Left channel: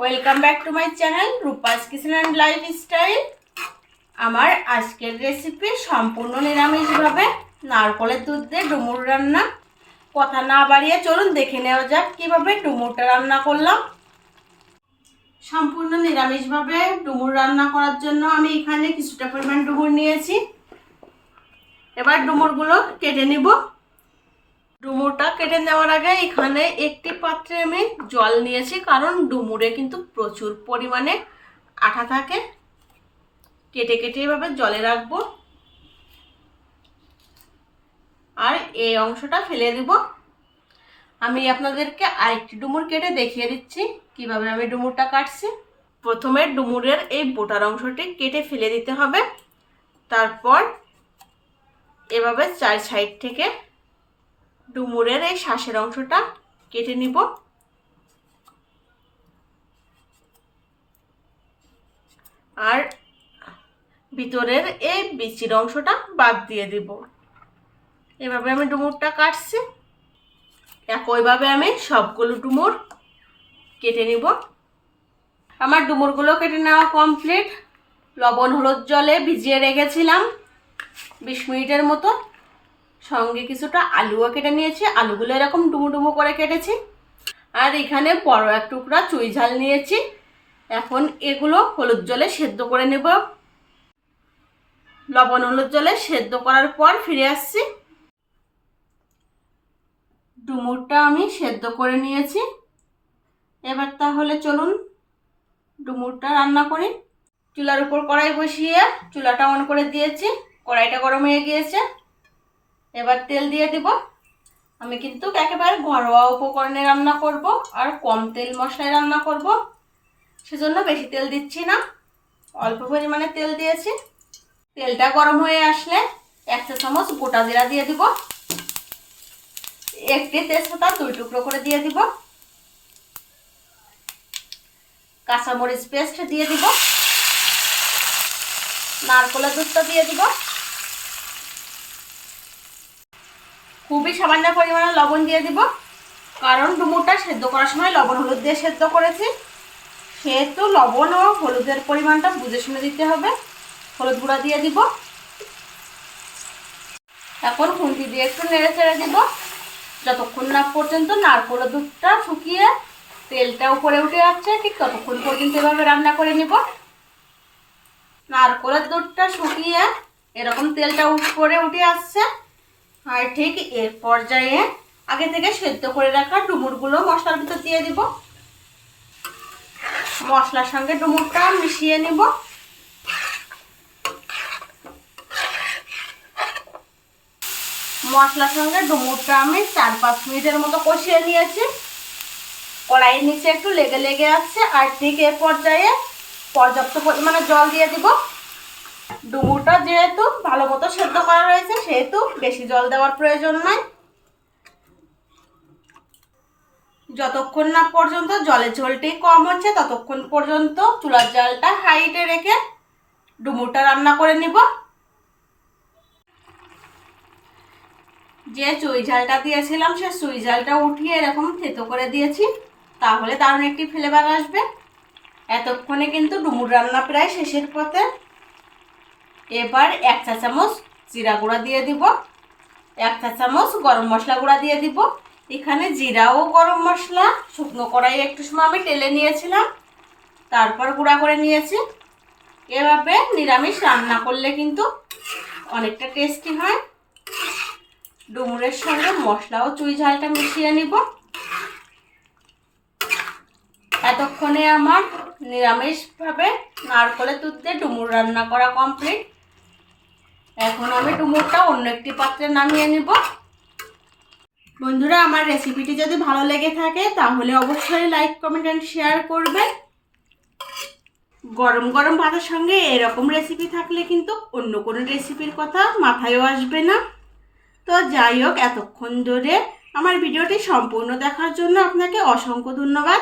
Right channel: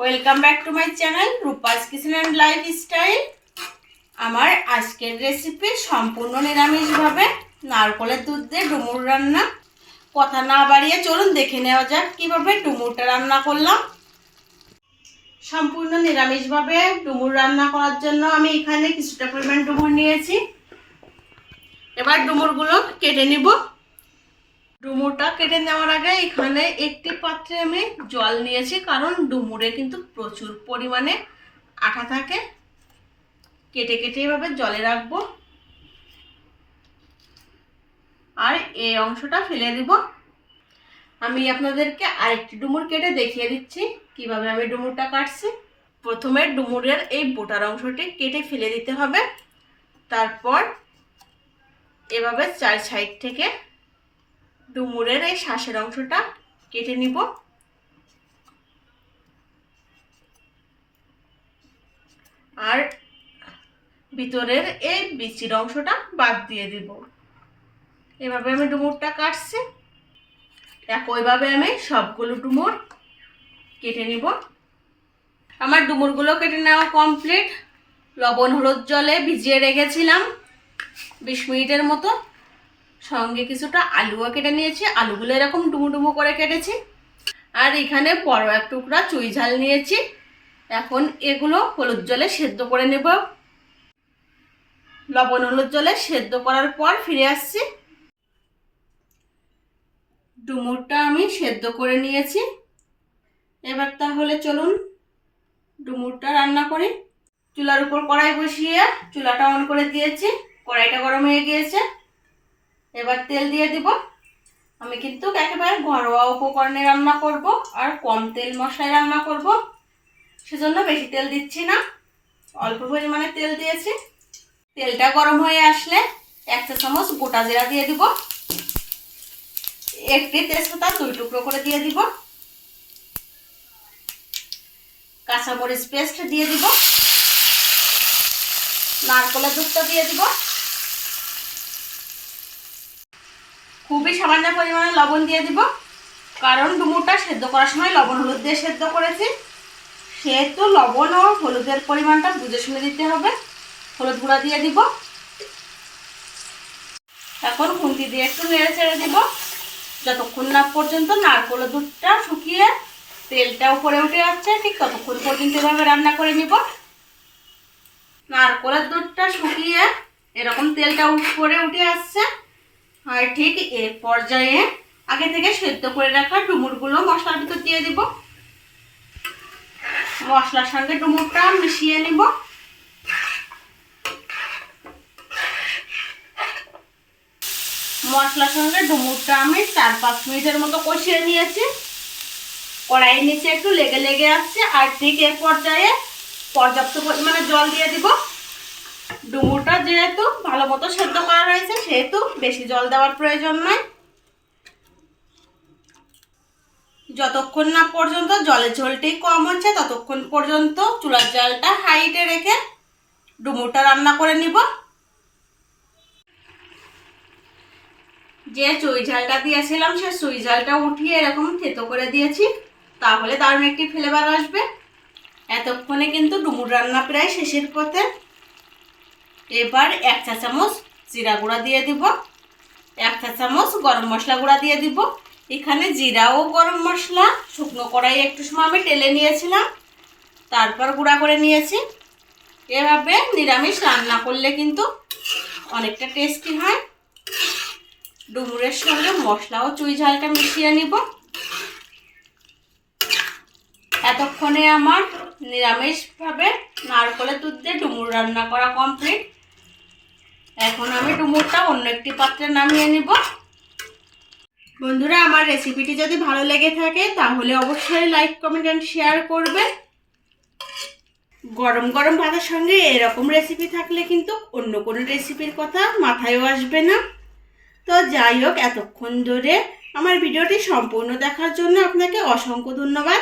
Welcome back to my channel Rupa's kitchen and lifestyle আমার আজকের recipe সম্পূর্ণ নিরামিষভাবে নারকলের দুধ দিয়ে ডুমুর রান্না। কথা না বাড়িয়ে চলুন, দেখে নেওয়া যাক কীভাবে ডুমুরটা রান্না করলাম। সম্পূর্ণ নিরামিষভাবে ডুমুর রান্না করার জন্য আমি এখানে কিছুটা পরিমাণ ডুমুর নিয়েছি। এবার ডুমুরগুলো কেটে নিব। ডুমুরটা কেটে নেওয়ার আগে এখানে একটি পাত্রে আমি জল নিয়েছি, কারণ ডুমুরে কিন্তু প্রচুর পরিমাণে আঠা থাকে। কেটে কেটে এভাবে জলে রাখব। আর এই অংশটা ফেলে দিব। আমি আপনাদেরকে আরেকটি ডুমুর কেটে দেখিয়ে দিচ্ছি, কীভাবে আমি ডুমুরটা কাটছি। প্রথমে ডুমুরের এই বোটার অংশটি কেটে ফেলে দিতে হবে। তারপর এভাবে চার সাইড থেকে ডুমুরের এই শ্বাসের অংশটা কেটে নিব। আর ভিতরের এই বিচির অংশটা বাদ দিয়ে দিব। এভাবে আমি ডুমুরটা কাটছি। একইভাবে আমি সবগুলো ডুমুর কেটে নিব। আমার ডুমুরগুলো কেটে নেওয়া কমপ্লিট। লবণ, হলুদ জলে ভিজিয়ে রেখেছিলাম। বিশ মিনিটের মতো সঙ্গে কিছুটা আলুও কেটে নিয়েছি। আলুগুলো এরকম ডুমু করে কেটেছি। আর এখানে বড় এক টুকরা চুই ঝাল নিয়েছি। এখন এগুলো হলুদ জলে সেদ্ধ করে নেব। লবণ হলুদ জলে সেদ্ধ করার পর ফিরে আসছি। ডুমুরটা আমি সেদ্ধ করে নিয়েছি। এবার তাহলে চলুন ডুমুরটা রান্না করি। চুলার উপর কড়াই বসিয়ে চুলাটা অন করে দিয়েছি। কড়াইটা গরম হয়ে গিয়েছে। এবার তেল দিয়ে দিব। আমি কিন্তু একেবারে ঘরোয়া উপকরণে রান্না করব আর কম তেল মশলায় রান্না করব। সেজন্য বেশি তেল দিচ্ছি না। অল্প পরিমাণে তেল দিয়েছি। তেলটা গরম হয়ে আসলে এক চা চামচ গোটা জিরা দিয়ে দিব। একটি তেজপাতা দুই টুকরো করে দিয়ে দিব। কাঁচামরিচ পেস্ট দিয়ে দিব। নারকলের দুধটা দিয়ে দিব। খুবই সামান্য পরিমাণে লবণ দিয়ে দিব। কারণ ডুমুরটা সেদ্ধ করার সময় লবণ হলুদ দিয়ে সেদ্ধ করেছি। সেহেতু লবণ ও হলুদের পরিমাণটা বুঝে শুনে দিতে হবে। হলুদ গুঁড়া দিয়ে দিব। এখন খুন্তি দিয়ে একটু নেড়ে চেড়ে দিব। যতক্ষণ না পর্যন্ত নারকলের দুধটা শুকিয়ে তেলটা উপরে উঠে যাচ্ছে ঠিক ততক্ষণ পর্যন্ত এভাবে রান্না করে নিব। নারকলের দুধটা শুকিয়ে এরকম তেলটা উপরে উঠে আসছে। আর ঠিক এর পর্যায়ে আগে থেকে সেদ্ধ করে রাখা ডুমুরগুলো মশলার ভিতর দিয়ে দিব। মশলার সঙ্গে ডুমুরটা মিশিয়ে নিব। মশলার সঙ্গে ডুমুরটা আমি চার পাঁচ মিনিটের মতো কষিয়ে নিয়েছি। কড়াইয়ের নিচে একটু লেগে লেগে আসছে আর ঠিক এ পর্যায়ে পর্যাপ্ত পরিমাণে জল দিয়ে দিব। ডুমুরটা যেহেতু ভালো মতো সেদ্ধ করা রয়েছে, সেহেতু বেশি জল দেওয়ার প্রয়োজন নয় যতক্ষণ না পর্যন্ত জলের ঝোলটি কম হচ্ছে, ততক্ষণ পর্যন্ত চুলার জালটা হাইটে রেখে ডুমুরটা রান্না করে নিব। যে চুই ঝালটা দিয়েছিলাম, সে চুই ঝালটা উঠিয়ে এরকম থেতো করে দিয়েছি, তাহলে দারুণ একটি ফ্লেভার আসবে। এতক্ষণে কিন্তু ডুমুর রান্না প্রায় শেষের পথে। এবার এক চা চামচ জিরা গুঁড়া দিয়ে দিব, এক চা চামচ গরম মশলা গুঁড়া দিয়ে দিব। এখানে জিরা ও গরম মশলা, শুকনো কড়াই একটু সময় আমি টেলে নিয়েছিলাম, তারপর গুঁড়া করে নিয়েছি। এভাবে নিরামিষ রান্না করলে কিন্তু অনেকটা টেস্টি হয়। ডুমুরের সঙ্গে মশলা ও চুই ঝালটা মিশিয়ে নিব। এতক্ষণে আমার নিরামিষভাবে নারকলের দুধ দিয়ে ডুমুর রান্না করা কমপ্লিট এখন আমি ডুমুরটা অন্য একটি পাত্রে নামিয়ে নিব। বন্ধুরা, আমার রেসিপিটি যদি ভালো লেগে থাকে, তাহলে অবশ্যই লাইক কমেন্ট অ্যান্ড শেয়ার করবে গরম গরম ভাতের সঙ্গে এরকম রেসিপি থাকলে কিন্তু অন্য কোনো রেসিপির কথা মাথায়ও আসবে না। তো যাই হোক, এতক্ষণ ধরে আমার ভিডিওটি সম্পূর্ণ দেখার জন্য আপনাকে অসংখ্য ধন্যবাদ।